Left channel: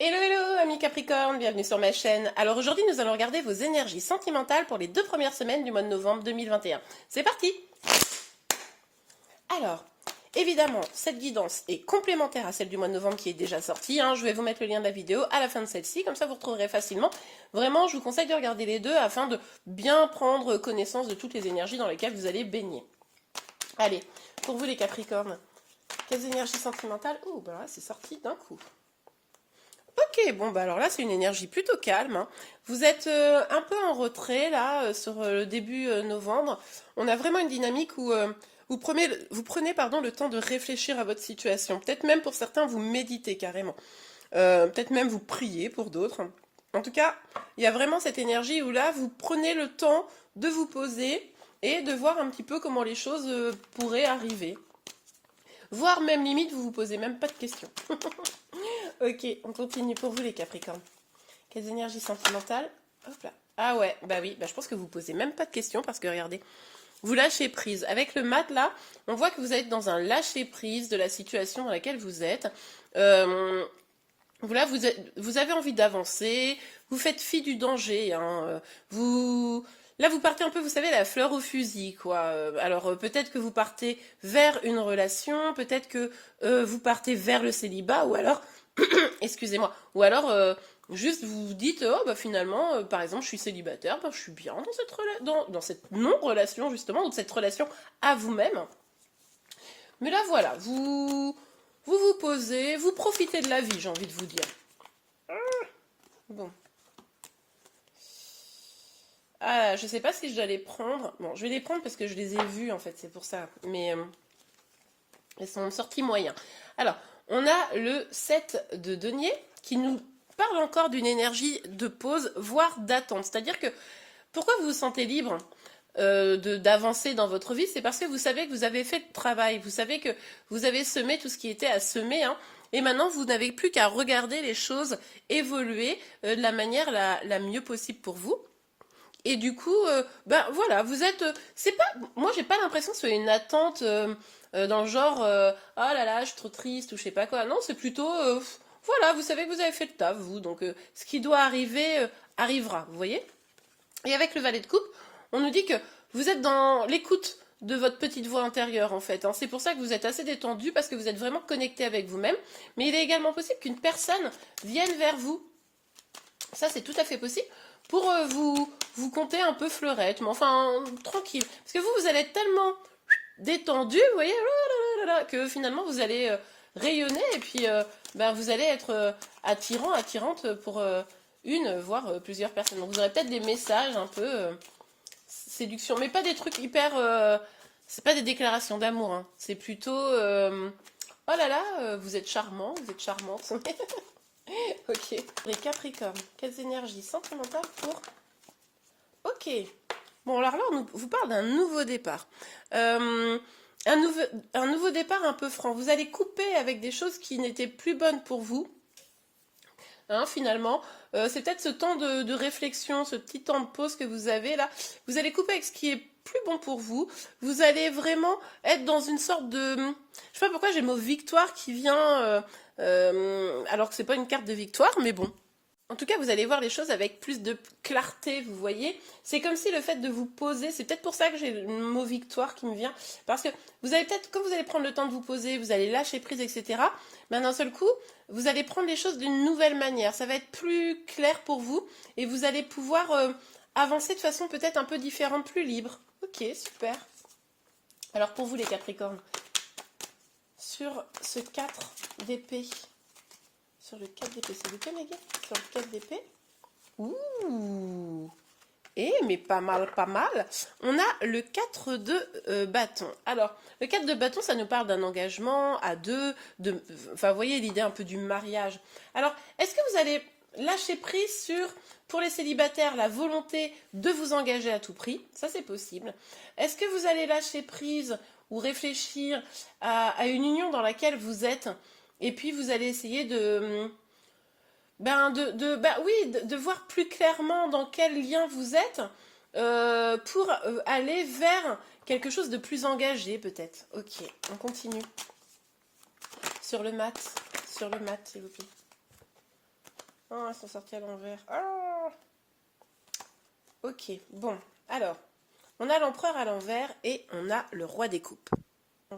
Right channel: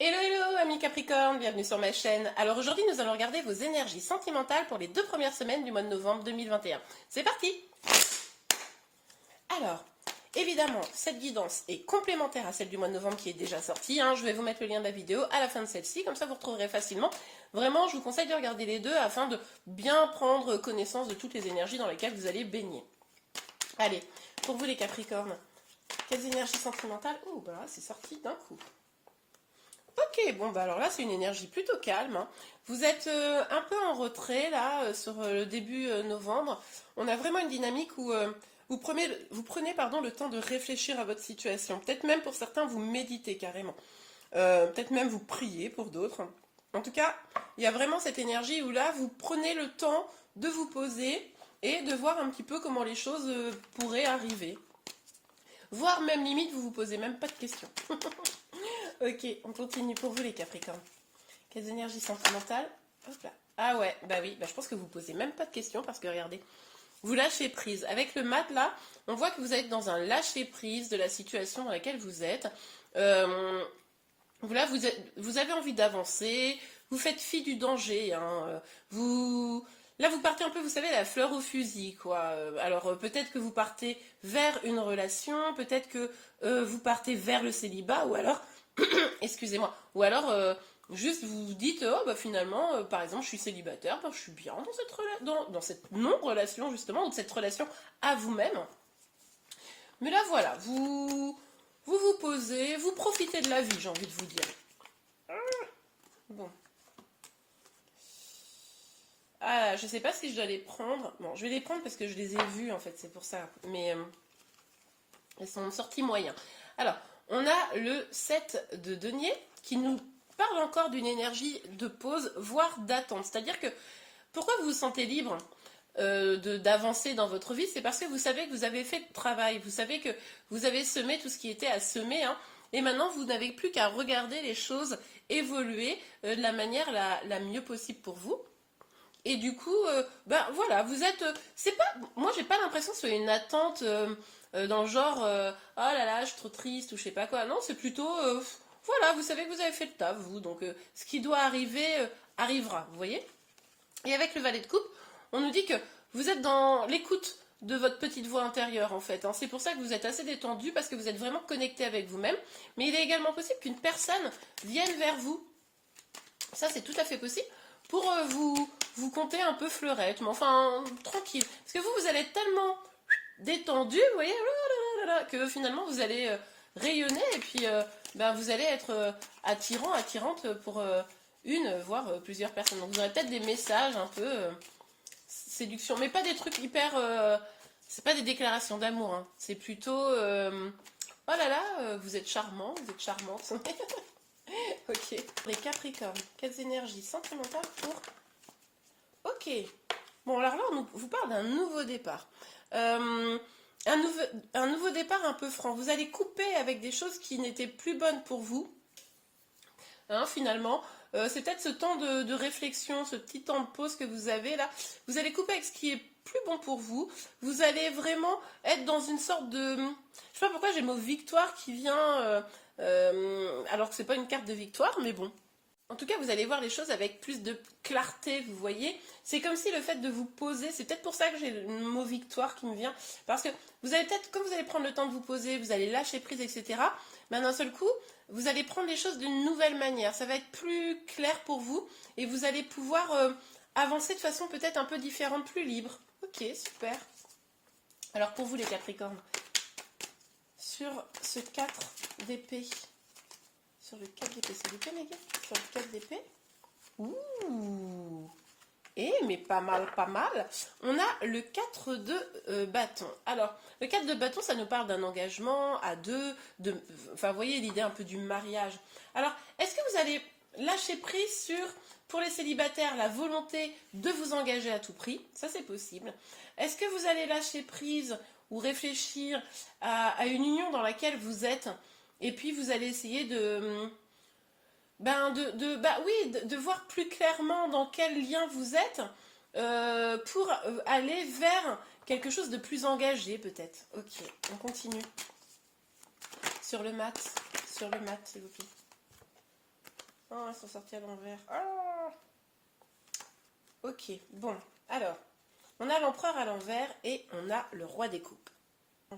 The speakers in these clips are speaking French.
Hello hello amis Capricorne, bienvenue sur ma chaîne. Alors aujourd'hui nous allons regarder vos énergies sentimentales pour les 2 premières semaines du mois de novembre 2021. C'est parti! Alors, évidemment, cette guidance est complémentaire à celle du mois de novembre qui est déjà sortie. Je vais vous mettre le lien de la vidéo à la fin de celle-ci, comme ça vous retrouverez facilement. Vraiment, je vous conseille de regarder les deux afin de bien prendre connaissance de toutes les énergies dans lesquelles vous allez baigner. Allez, pour vous les Capricornes, quelles énergies sentimentales? Oh, bah là, c'est sorti d'un coup. Ok, bon bah alors là c'est une énergie plutôt calme. Vous êtes un peu en retrait là sur le début novembre. On a vraiment une dynamique où vous prenez pardon, le temps de réfléchir à votre situation. Peut-être même pour certains vous méditez carrément. Peut-être même vous priez pour d'autres. En tout cas, il y a vraiment cette énergie où là vous prenez le temps de vous poser et de voir un petit peu comment les choses pourraient arriver. Voire même limite vous vous posez même pas de questions. Ok, on continue pour vous les Capricornes. Quelles énergies sentimentales? Hop là. Ah ouais, bah oui, bah je pense que vous posez même pas de questions parce que regardez, vous lâchez prise. Avec le mat là, on voit que vous êtes dans un lâcher prise de la situation dans laquelle vous êtes. Voilà, vous avez envie d'avancer, vous faites fi du danger. Là, vous partez un peu, vous savez, la fleur au fusil, quoi. Alors, peut-être que vous partez vers une relation, peut-être que vous partez vers le célibat, ou alors, excusez-moi, ou alors, juste vous vous dites, oh, bah finalement, par exemple, je suis célibataire, bah, je suis bien dans cette non-relation, justement, ou cette relation à vous-même. Mais là, voilà, vous posez, vous profitez de la vie, j'ai envie de vous dire. Bon. Ah, je sais pas si je dois les prendre. Bon, je vais les prendre parce que je les ai vus, en fait, c'est pour ça. Mais elles sont sorties moyen. Alors, on a le 7 de denier qui nous parle encore d'une énergie de pause, voire d'attente. C'est-à-dire que, pourquoi vous vous sentez libre d'avancer dans votre vie? C'est parce que vous savez que vous avez fait le travail. Vous savez que vous avez semé tout ce qui était à semer. Et maintenant, vous n'avez plus qu'à regarder les choses évoluer de la manière la mieux possible pour vous. Et du coup, ben voilà, vous êtes. C'est pas. Moi, j'ai pas l'impression que ce soit une attente dans le genre oh là là, je suis trop triste ou je sais pas quoi. Non, c'est plutôt. Voilà, vous savez que vous avez fait le taf, vous. Donc, ce qui doit arriver arrivera, vous voyez. Et avec le valet de coupe, on nous dit que vous êtes dans l'écoute de votre petite voix intérieure, en fait. C'est pour ça que vous êtes assez détendu parce que vous êtes vraiment connecté avec vous-même. Mais il est également possible qu'une personne vienne vers vous. Ça, c'est tout à fait possible pour vous compter un peu fleurette, mais enfin, tranquille. Parce que vous allez être tellement détendu, vous voyez, que finalement, vous allez rayonner et puis ben, vous allez être attirant, attirante pour une, voire plusieurs personnes. Donc, vous aurez peut-être des messages un peu séduction, mais pas des trucs hyper... c'est pas des déclarations d'amour, c'est plutôt... oh là là, vous êtes charmant, vous êtes charmante. Ok. Les Capricornes, quelles énergies sentimentales pour... Ok. Bon, alors là, on vous parle d'un nouveau départ. Un nouveau départ un peu franc. Vous allez couper avec des choses qui n'étaient plus bonnes pour vous. Finalement, c'est peut-être ce temps de réflexion, ce petit temps de pause que vous avez là. Vous allez couper avec ce qui est plus bon pour vous. Vous allez vraiment être dans une sorte de... Je sais pas pourquoi j'ai le mot victoire qui vient... alors que c'est pas une carte de victoire, mais bon. En tout cas, vous allez voir les choses avec plus de clarté, vous voyez. C'est comme si le fait de vous poser, c'est peut-être pour ça que j'ai le mot victoire qui me vient. Parce que vous allez peut-être, quand vous allez prendre le temps de vous poser, vous allez lâcher prise, etc. Ben, d'un seul coup, vous allez prendre les choses d'une nouvelle manière. Ça va être plus clair pour vous et vous allez pouvoir avancer de façon peut-être un peu différente, plus libre. Ok, super. Alors pour vous les Capricornes, sur ce 4 d'épée, sur le 4 d'épée, c'est lequel les gars? Sur le 4 d'épée. Ouh. Mais pas mal, pas mal. On a le 4 de bâton. Alors, le 4 de bâton, ça nous parle d'un engagement à deux. Enfin, vous voyez l'idée un peu du mariage. Alors, est-ce que vous allez lâcher prise sur, pour les célibataires, la volonté de vous engager à tout prix? Ça, c'est possible. Est-ce que vous allez lâcher prise ou réfléchir à une union dans laquelle vous êtes et puis vous allez essayer de... de voir plus clairement dans quel lien vous êtes pour aller vers quelque chose de plus engagé peut-être. Ok, on continue. Sur le mat, s'il vous plaît. Oh, elles sont sorties à l'envers. Ah. Ok, bon. Alors, on a l'empereur à l'envers et on a le roi des coupes.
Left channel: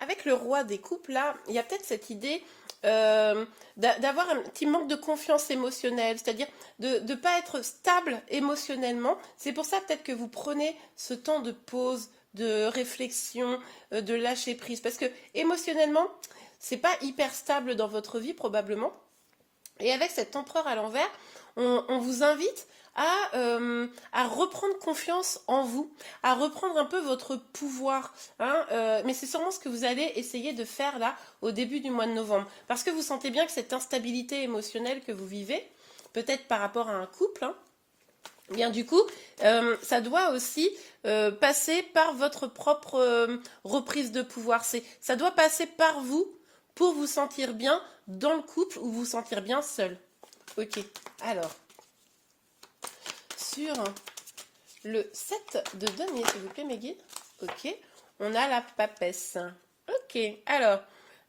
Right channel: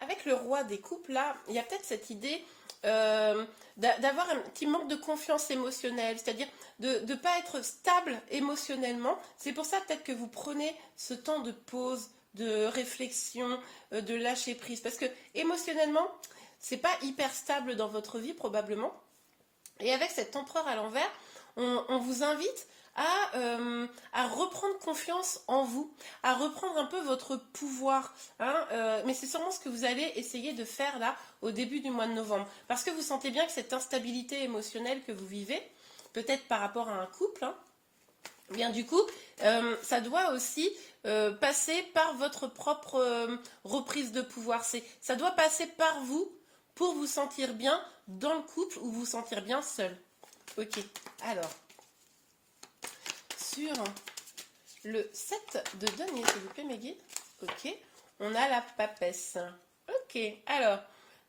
Avec le roi des coupes, là, il y a peut-être cette idée d'avoir un petit manque de confiance émotionnelle, c'est-à-dire de ne pas être stable émotionnellement. C'est pour ça peut-être que vous prenez ce temps de pause, de réflexion, de lâcher prise, parce que émotionnellement, c'est pas hyper stable dans votre vie probablement. Et avec cet empereur à l'envers, on vous invite à reprendre confiance en vous, à reprendre un peu votre pouvoir. Hein, mais c'est sûrement ce que vous allez essayer de faire là au début du mois de novembre. Parce que vous sentez bien que cette instabilité émotionnelle que vous vivez, peut-être par rapport à un couple, hein, bien du coup, ça doit aussi passer par votre propre reprise de pouvoir. Ça doit passer par vous pour vous sentir bien dans le couple ou vous sentir bien seul. Ok, alors, sur le 7 de denier, s'il vous plaît, mes guides. Ok, on a la papesse. Ok, alors,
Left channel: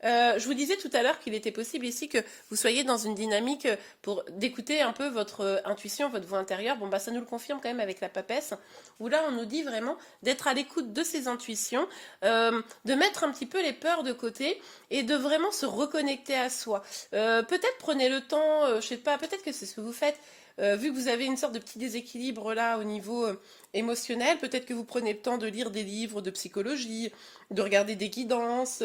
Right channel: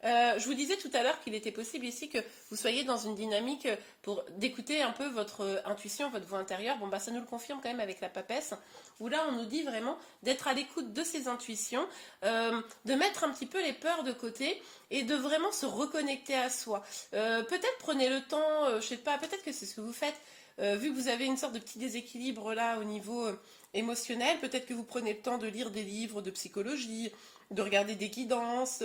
je vous disais tout à l'heure qu'il était possible ici que vous soyez dans une dynamique pour d'écouter un peu votre intuition, votre voix intérieure. Bon, bah ça nous le confirme quand même avec la papesse, où là on nous dit vraiment d'être à l'écoute de ses intuitions, de mettre un petit peu les peurs de côté et de vraiment se reconnecter à soi. Peut-être prenez le temps, je sais pas, peut-être que c'est ce que vous faites, vu que vous avez une sorte de petit déséquilibre là au niveau émotionnel, peut-être que vous prenez le temps de lire des livres de psychologie, de regarder des guidances.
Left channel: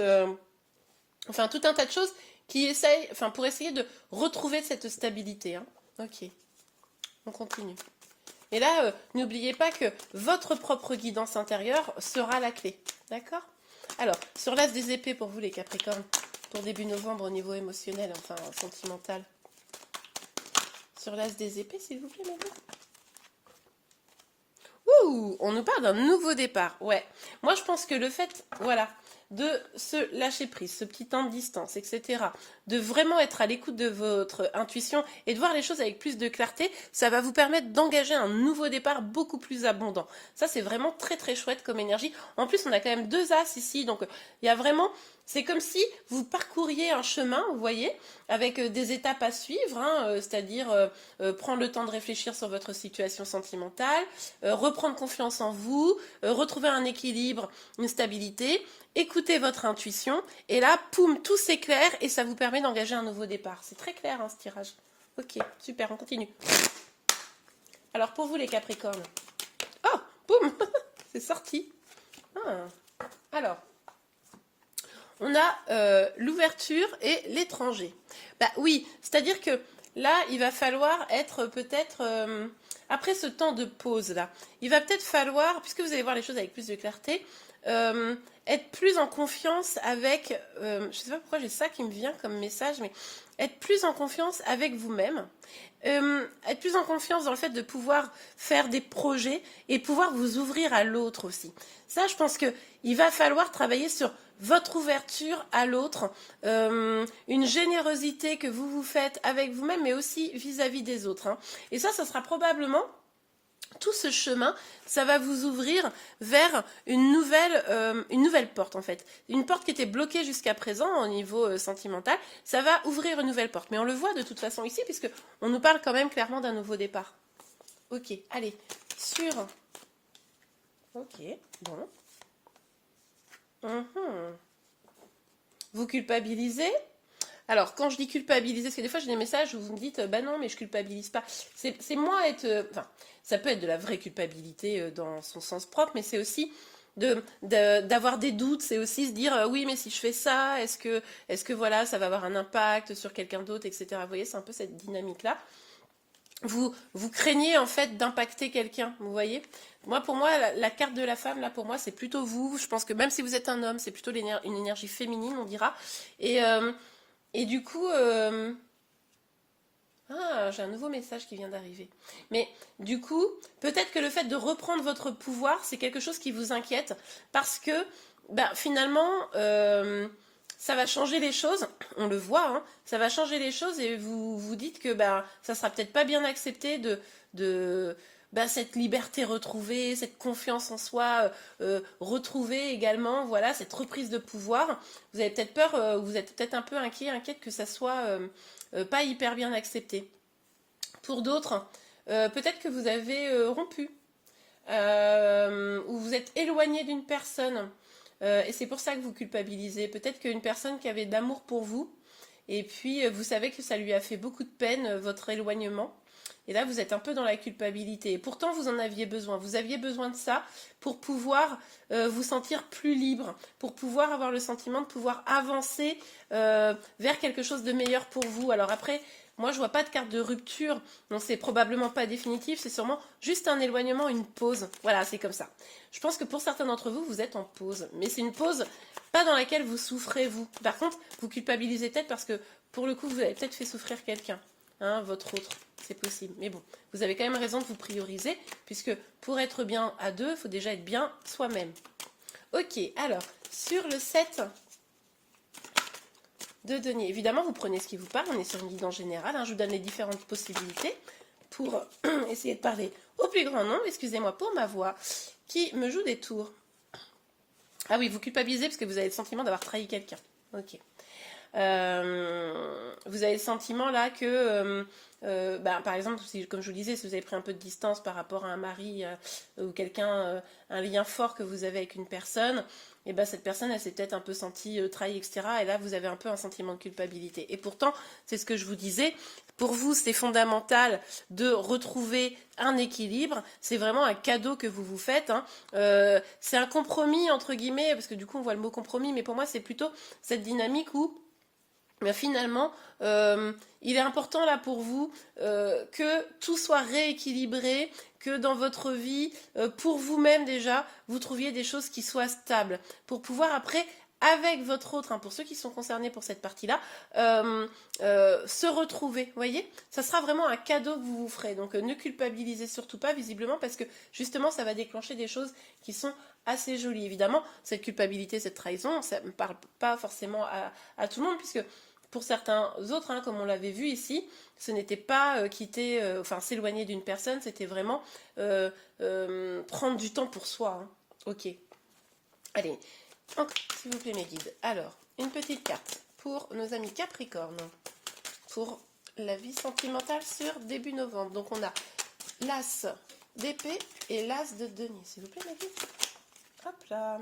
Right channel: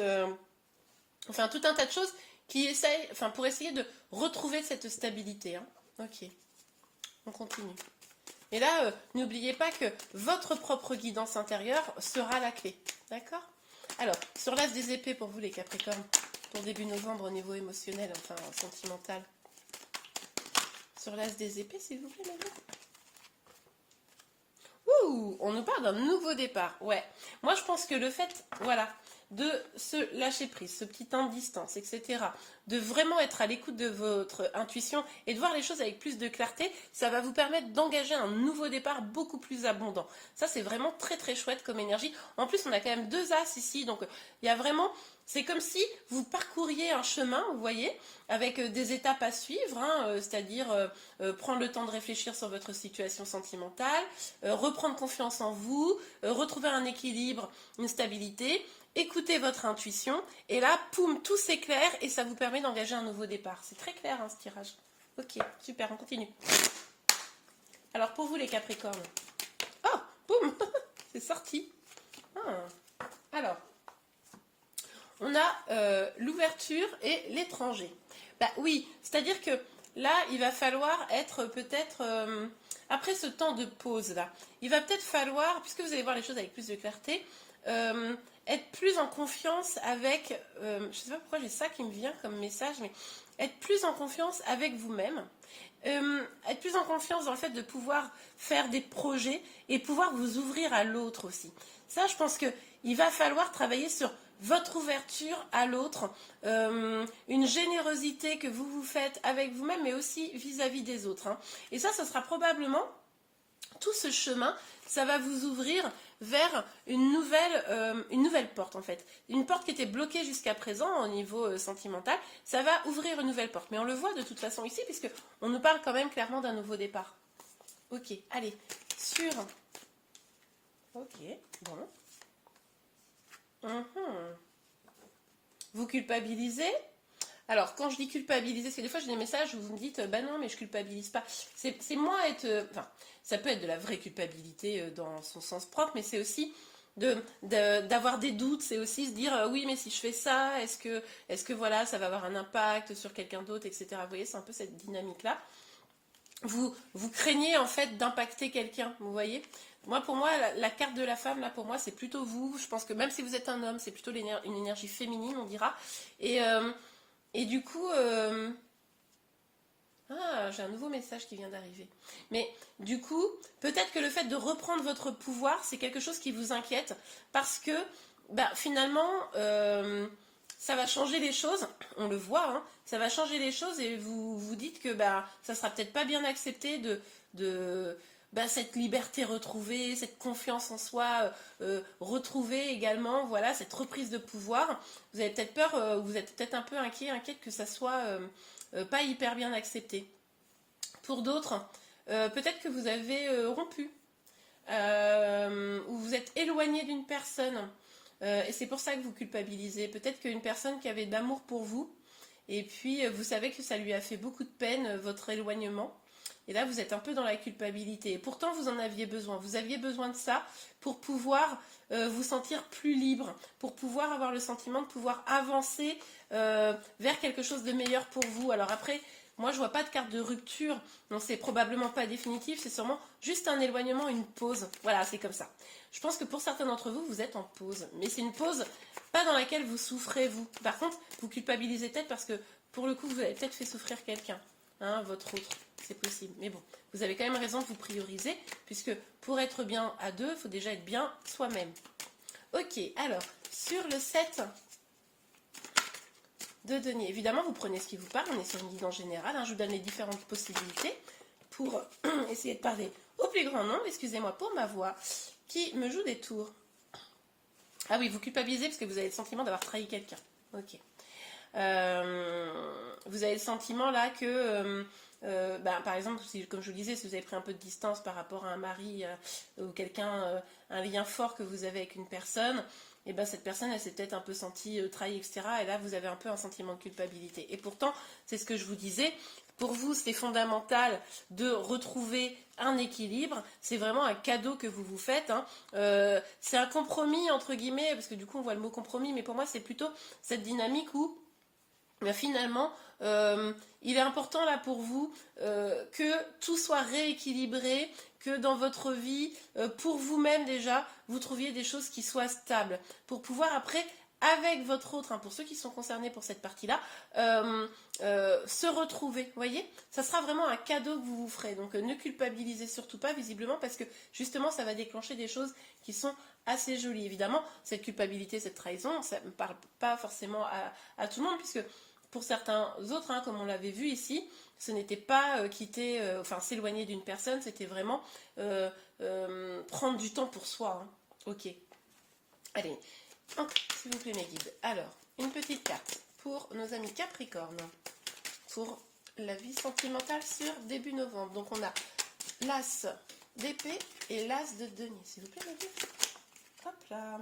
Enfin, tout un tas de choses qui essayent, enfin, pour essayer de retrouver cette stabilité. Hein. Ok, on continue. Et là, n'oubliez pas que votre propre guidance intérieure sera la clé. D'accord? Alors, sur l'as des épées pour vous, les Capricornes, pour début novembre au niveau émotionnel, enfin, sentimental. Sur l'as des épées, s'il vous plaît, maintenant. Ouh, on nous parle d'un nouveau départ. Ouais. Moi, je pense que le fait, voilà, de se lâcher prise, ce petit temps de distance, etc., de vraiment être à l'écoute de votre intuition et de voir les choses avec plus de clarté, ça va vous permettre d'engager un nouveau départ beaucoup plus abondant. Ça, c'est vraiment très très chouette comme énergie. En plus, on a quand même deux as ici, donc il y a vraiment... C'est comme si vous parcouriez un chemin, vous voyez, avec des étapes à suivre, hein, c'est-à-dire prendre le temps de réfléchir sur votre situation sentimentale, reprendre confiance en vous, retrouver un équilibre, une stabilité, écouter votre intuition, et là, poum, tout s'éclaire et ça vous permet d'engager un nouveau départ. C'est très clair, hein, ce tirage. Ok, super, on continue. Alors, pour vous, les Capricornes. Oh, boum, c'est sorti. Ah. Alors, on a l'ouverture et l'étranger. Bah oui, c'est-à-dire que là, il va falloir être peut-être, après ce temps de pause là, il va peut-être falloir, puisque vous allez voir les choses avec plus de clarté, être plus en confiance avec, je ne sais pas pourquoi j'ai ça qui me vient comme message, mais être plus en confiance avec vous-même, être plus en confiance dans le fait de pouvoir faire des projets et pouvoir vous ouvrir à l'autre aussi. Ça, je pense qu'il va falloir travailler sur votre ouverture à l'autre, une générosité que vous vous faites avec vous-même, mais aussi vis-à-vis des autres. Hein. Et ça sera probablement tout ce chemin, ça va vous ouvrir vers une nouvelle porte en fait. Une porte qui était bloquée jusqu'à présent au niveau sentimental, ça va ouvrir une nouvelle porte. Mais on le voit de toute façon ici, puisque on nous parle quand même clairement d'un nouveau départ. Ok, allez, sur... Ok, bon. Vous culpabilisez. Alors, quand je dis culpabiliser, parce que des fois j'ai des messages où vous me dites bah non, mais je culpabilise pas. C'est moi être. Enfin, ça peut être de la vraie culpabilité dans son sens propre, mais c'est aussi d'avoir des doutes, c'est aussi se dire oui, mais si je fais ça, est-ce que voilà, ça va avoir un impact sur quelqu'un d'autre, etc. Vous voyez, c'est un peu cette dynamique-là. Vous craignez en fait d'impacter quelqu'un, vous voyez. Moi, pour moi, la carte de la femme, là, pour moi, c'est plutôt vous. Je pense que même si vous êtes un homme, c'est plutôt une énergie féminine, on dira. Et du coup, j'ai un nouveau message qui vient d'arriver. Mais du coup, peut-être que le fait de reprendre votre pouvoir, c'est quelque chose qui vous inquiète, parce que finalement, ça va changer les choses. On le voit, hein, ça va changer les choses, et vous vous dites que ça sera peut-être pas bien accepté de cette liberté retrouvée, cette confiance en soi retrouvée également, voilà, cette reprise de pouvoir. Vous avez peut-être peur, vous êtes peut-être un peu inquiète que ça soit pas hyper bien accepté. Pour d'autres, peut-être que vous avez rompu, ou vous êtes éloigné d'une personne, et c'est pour ça que vous culpabilisez. Peut-être qu'une personne qui avait de l'amour pour vous, et puis vous savez que ça lui a fait beaucoup de peine, votre éloignement. Et là, vous êtes un peu dans la culpabilité. Et pourtant, vous en aviez besoin. Vous aviez besoin de ça pour pouvoir vous sentir plus libre, pour pouvoir avoir le sentiment de pouvoir avancer vers quelque chose de meilleur pour vous. Alors après, moi, je vois pas de carte de rupture. Non, c'est probablement pas définitif. C'est sûrement juste un éloignement, une pause. Voilà, c'est comme ça. Je pense que pour certains d'entre vous, vous êtes en pause. Mais c'est une pause pas dans laquelle vous souffrez, vous. Par contre, vous culpabilisez peut-être parce que, pour le coup, vous avez peut-être fait souffrir quelqu'un. Hein, votre autre, c'est possible. Mais bon, vous avez quand même raison de vous prioriser, puisque pour être bien à deux, il faut déjà être bien soi-même. Ok, alors, sur le 7 de denier, évidemment, vous prenez ce qui vous parle, on est sur une guidance générale, hein, je vous donne les différentes possibilités pour essayer de parler au plus grand nombre, excusez-moi pour ma voix, qui me joue des tours. Ah oui, vous culpabilisez parce que vous avez le sentiment d'avoir trahi quelqu'un. Ok. Vous avez le sentiment là que, par exemple, si, comme je vous le disais, si vous avez pris un peu de distance par rapport à un mari ou quelqu'un, un lien fort que vous avez avec une personne, et ben cette personne, elle s'est peut-être un peu sentie trahie, etc. Et là, vous avez un peu un sentiment de culpabilité. Et pourtant, c'est ce que je vous disais, pour vous, c'est fondamental de retrouver un équilibre. C'est vraiment un cadeau que vous vous faites. Hein. C'est un compromis, entre guillemets, parce que du coup, on voit le mot compromis, mais pour moi, c'est plutôt cette dynamique où mais finalement, il est important là pour vous que tout soit rééquilibré, que dans votre vie, pour vous-même déjà, vous trouviez des choses qui soient stables, pour pouvoir après, avec votre autre, hein, pour ceux qui sont concernés pour cette partie-là, se retrouver, vous voyez. Ça sera vraiment un cadeau que vous vous ferez, donc ne culpabilisez surtout pas visiblement, parce que justement, ça va déclencher des choses qui sont assez jolies. Évidemment, cette culpabilité, cette trahison, ça ne parle pas forcément à tout le monde, puisque pour certains autres, hein, comme on l'avait vu ici, ce n'était pas s'éloigner d'une personne, c'était vraiment prendre du temps pour soi. Hein. Ok. Allez, s'il vous plaît mes guides. Alors, une petite carte pour nos amis Capricorne, pour la vie sentimentale sur début novembre. Donc on a l'As d'épée et l'As de denier. S'il vous plaît mes guides. Hop là.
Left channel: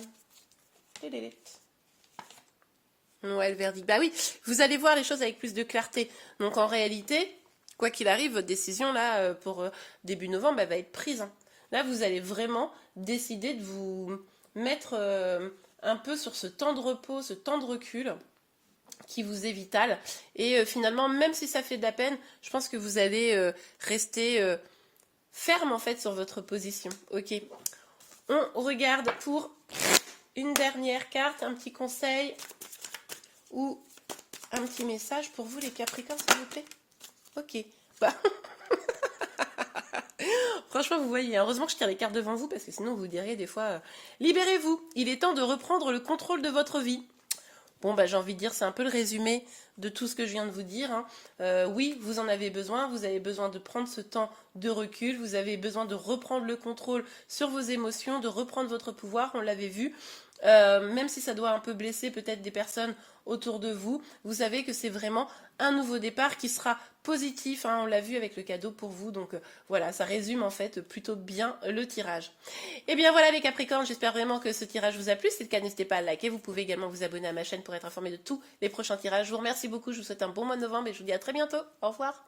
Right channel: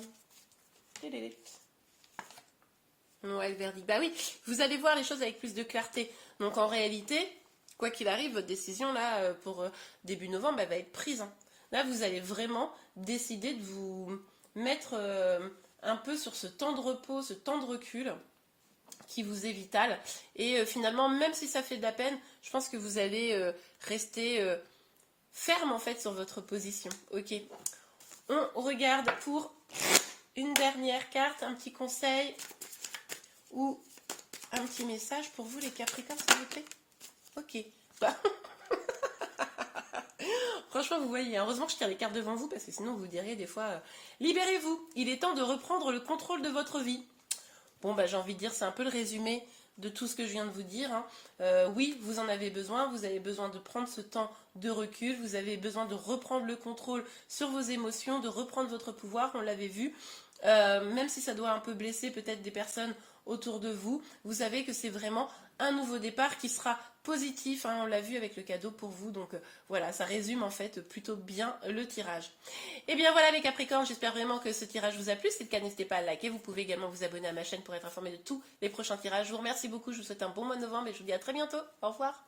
Ouais, le verdict. Bah oui, vous allez voir les choses avec plus de clarté. Donc en réalité, quoi qu'il arrive, votre décision là pour début novembre, elle va être prise. Hein. Là, vous allez vraiment décider de vous mettre un peu sur ce temps de repos, ce temps de recul qui vous est vital. Et finalement, même si ça fait de la peine, je pense que vous allez rester ferme en fait sur votre position. Ok. On regarde pour une dernière carte, un petit conseil ou un petit message pour vous les Capricornes, s'il vous plaît. Ok. Bah. Franchement, vous voyez, heureusement que je tire les cartes devant vous, parce que sinon vous diriez des fois, libérez-vous, il est temps de reprendre le contrôle de votre vie. Bon, bah j'ai envie de dire, c'est un peu le résumé de tout ce que je viens de vous dire. Hein. Oui, vous en avez besoin de prendre ce temps de recul, vous avez besoin de reprendre le contrôle sur vos émotions, de reprendre votre pouvoir, on l'avait vu. Même si ça doit un peu blesser peut-être des personnes autour de vous, vous savez que c'est vraiment un nouveau départ qui sera positif, hein, on l'a vu avec le cadeau pour vous, donc voilà, ça résume en fait plutôt bien le tirage. Et bien voilà les Capricornes, j'espère vraiment que ce tirage vous a plu, si c'est le cas n'hésitez pas à liker, vous pouvez également vous abonner à ma chaîne pour être informé de tous les prochains tirages. Je vous remercie beaucoup, je vous souhaite un bon mois de novembre et je vous dis à très bientôt, au revoir.